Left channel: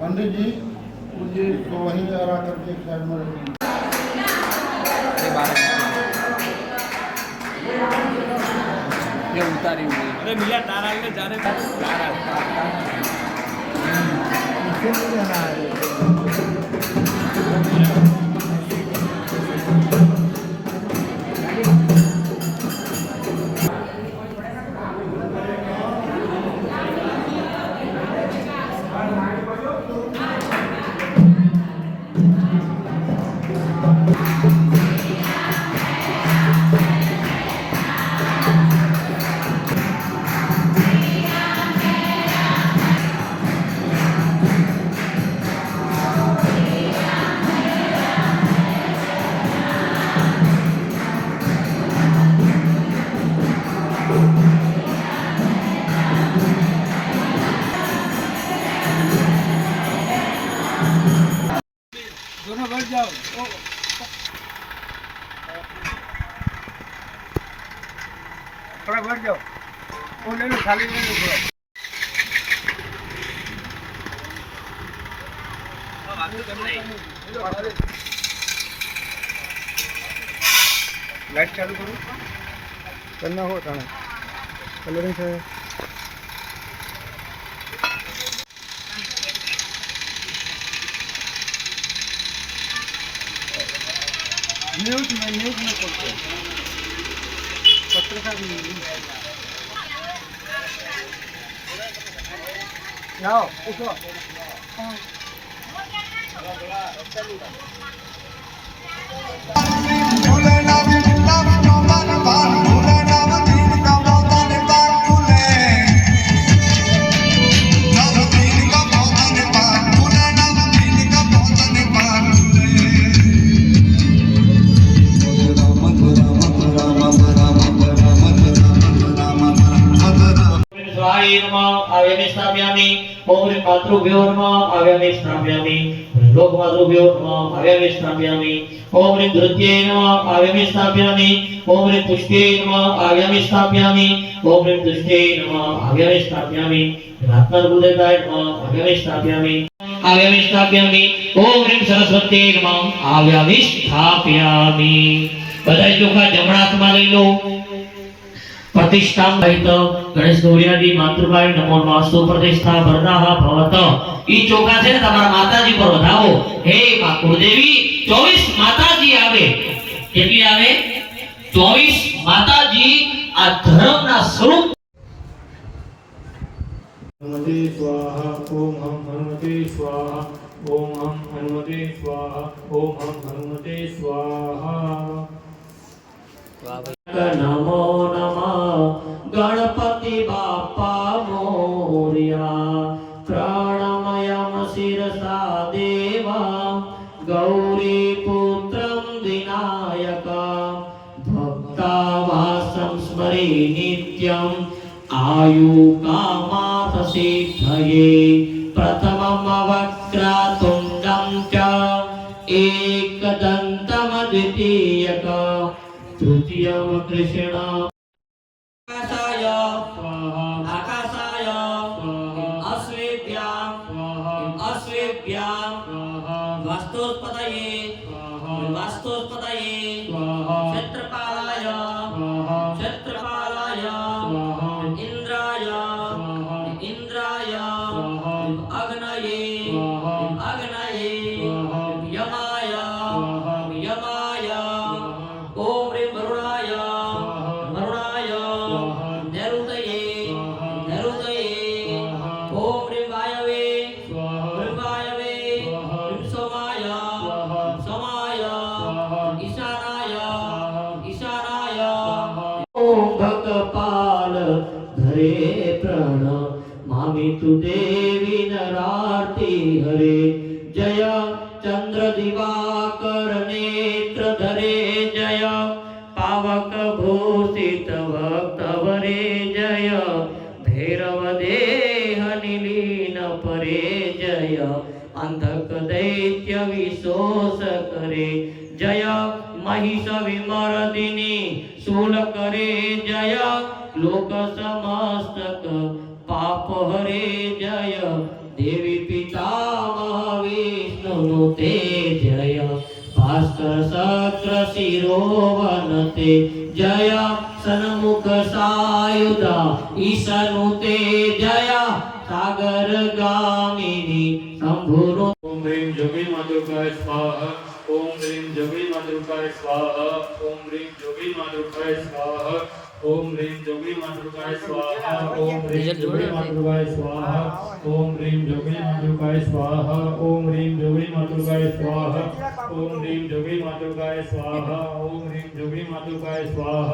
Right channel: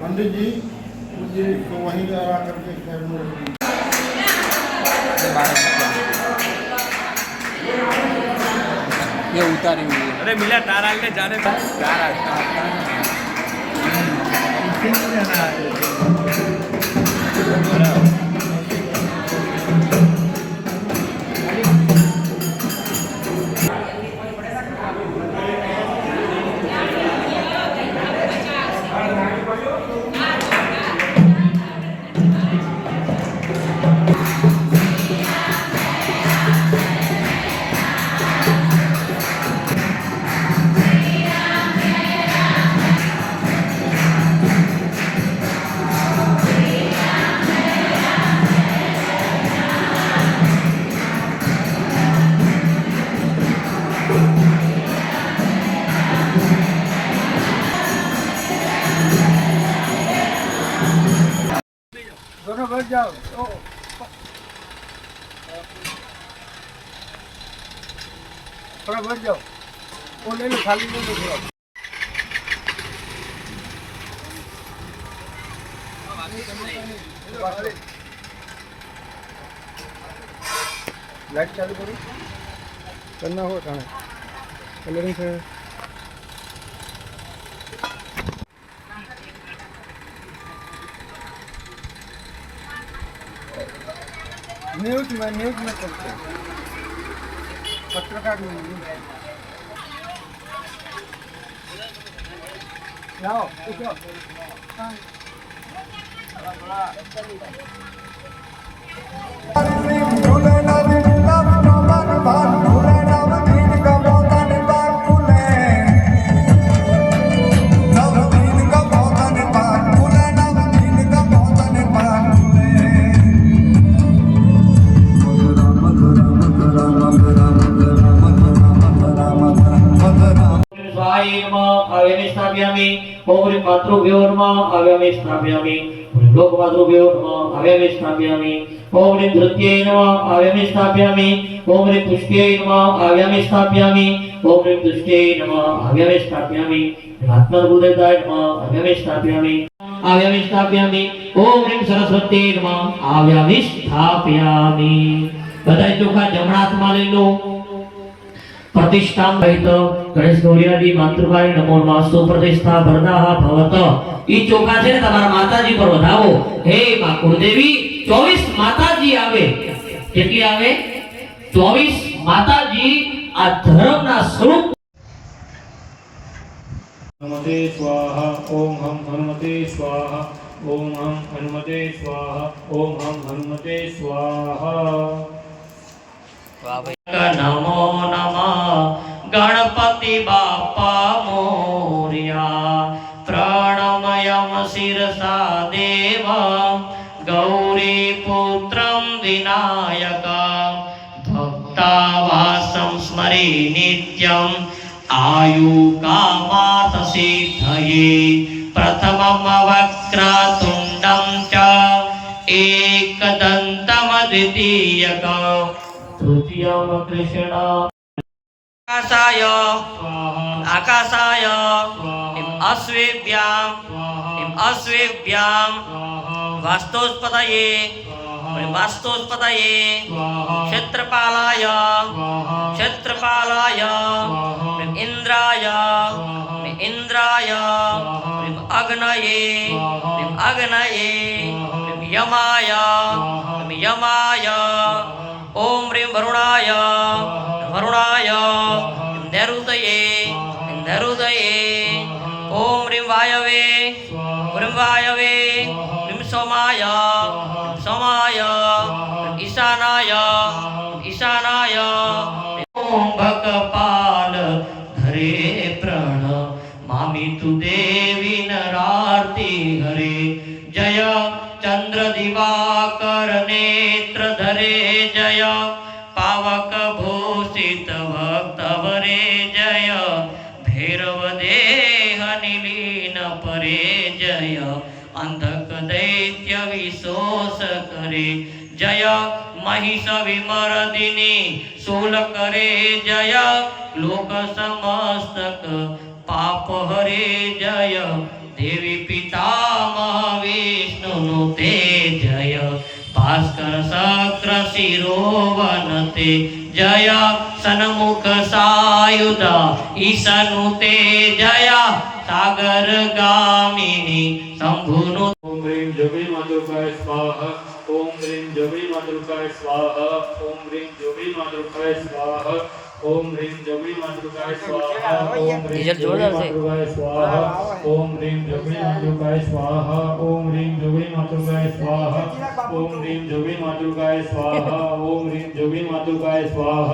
पंडित जी मुझे तो वहीं रहा करके घर में ये उतारे हुई अरे मिला तारा के जाने का तारा तारा જાઓ. થોડા ભર જાઓ. ઓ, લે લો, ખાલી લે લો થોડા. લાઈટ ચાલુ કરું. કરના હો, તાણે. કલરિંગ છે. न्यूज में न्यूज में करते पत्रकार न्यूज जाओ उठो स्वाहाय આવ્યામી સ્થાપ્યામી. પૌરી માતૃભ્યોર્મ આવ્યામી, સ્થાપ્યામી. લોક માતૃભ્યોર્મ આવ્યામી, સ્થાપ્યામી. પૌરી નૃત્યે નમ આવ્યામી, સ્થાપ્યામી. પૌરી પુષ્ટે નમ આવ્યામી, સ્થાપ્યામી. પૌરી પુષ્ટે નમ આવ્યામી, સ્થાપ્યામી. આત્મા હૃદયદાય નમ આવ્યામી, સ્થાપ્યામી. આવ્યામી, સ્થાપ્યામી. ઓમ રીમ સરસ્વતી નમ આવ્યામી, સ્થાપ્યામી. બધા ચોખા જમણા હાથમાં લઈ લો. प्रतिष्ठां सहित गणेश गौरियादि मातृभाई नमो नमस्तु प्रतिष्ठा वरदाः भवत ઈ ચોખા છે ને તમારા માતાજી પર વધાવો હે માં કુળદેવી 24 માતાજી આવે કેટલી આવે 24 માતાજી આ ધર્મના સ્વરૂપ हनुमते स्वाहा ओम हम हनुमते स्वाहा ओम हम हनुमते स्वाहा ओम हम हनुमते स्वाहा वाह भाई નમો નમઃ वासं स्मरे नित्यम् आयुकामातसिद्धये प्रथममवक्रातुण्डं च एकदन्तमद्वितीयक तृतीयं कृष्ण आकाशाय आकाशाय इम् अश्वेभ्याम् इम् अश्वेभ्यां वास्तुस्पतये वास्तोस्पतये क्षेत्रपालाय। क्षेत्रपालाय। इंद्राय इंद्राय अग्नये अग्नये यमाय यमाय तु देवी नरार्ति हरे। जय चंद्र दिवाकर नेत्र धरे। जय पावक भूषित भक्तवरे जय भैरव देह निलीन परे। जय अंधक दैत्य विशोष करे। जय महिष विमर्दिनी शूल करे। जय लोक समस्तक पाप हरे जय। देवी पिता महाविष्णु ते जय। भास्कर शक्र शिरोवन ते जय। सनमुख सायुधा ईशनु ते जय। सागर गामिनी शंभुनु ॐ ह्रीं जमी मधुकाय ओम ह्रीं जोगी मातृकाय स्वाहा ओम ह्रीं जोगी मातृकाय स्वाहा ओम ह्रीं जोगी मातृकाय स्वाहा ओम ह्रीं जोगी मातृकाय स्वाहा ओम ह्रीं जोगी मातृकाय स्वाहा ओम ह्रीं जोगी मातृकाय स्वाहा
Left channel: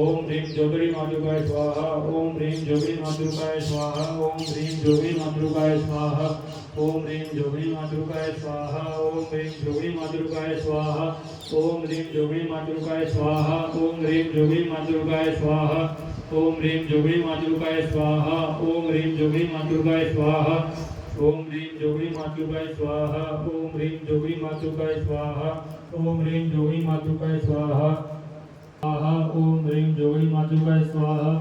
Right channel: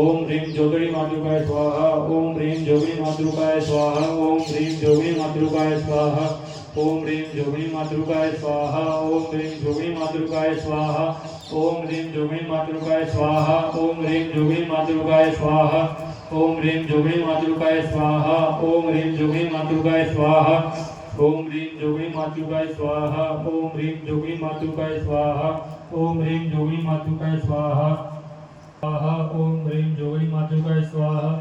ओम ह्रीं जोगी मातृकाय स्वाहा ओम ह्रीं जोगी मातृकाय स्वाहा ओम ह्रीं जोगी मातृकाय स्वाहा ओम ह्रीं जोगी मातृकाय स्वाहा ओम ह्रीं जोगी मातृकाय स्वाहा ओम ह्रीं जोगी मातृकाय स्वाहा ओम ह्रीं जोगी मातृकाय स्वाहा ओम ह्रीं जोगी मातृकाय स्वाहा ओम ह्रीं जोगी मातृकाय स्वाहा ओम ह्रीं जोगी मातृकाय स्वाहा ओम ह्रीं जोगी मातृकाय स्वाहा ओम ह्रीं जोगी मातृकाय स्वाहा स्वाहा ओम ह्रीं जोगी मातृकाय स्वाहा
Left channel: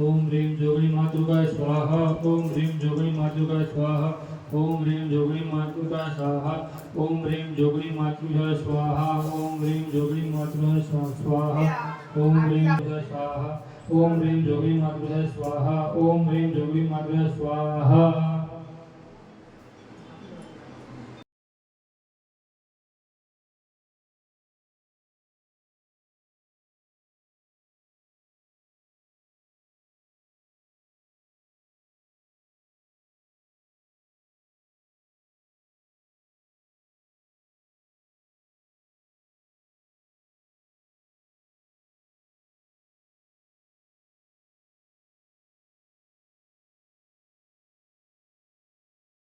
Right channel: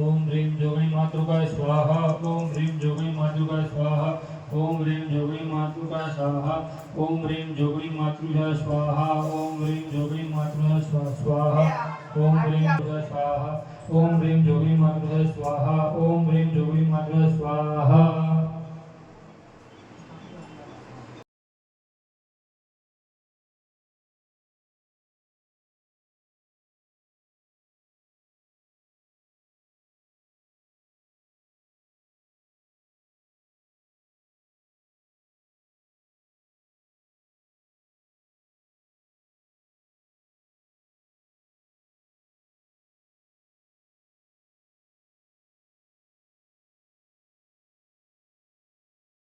ओम ह्रीं जोगी मातृकाय स्वाहा ओम ह्रीं जोगी मातृकाय स्वाहा ओम ह्रीं जोगी मातृका स्वाहा, ओम ह्रीं जोगी मातृका स्वाहा, ओम ह्रीं जोगी मातृका स्वा- स्वाहा, ओम ह्रीं स्वाहा, ओम ह्रीं जोगी मातृका स्वाहा, ओम ह्रीं जोगी मातृका स्वाहा।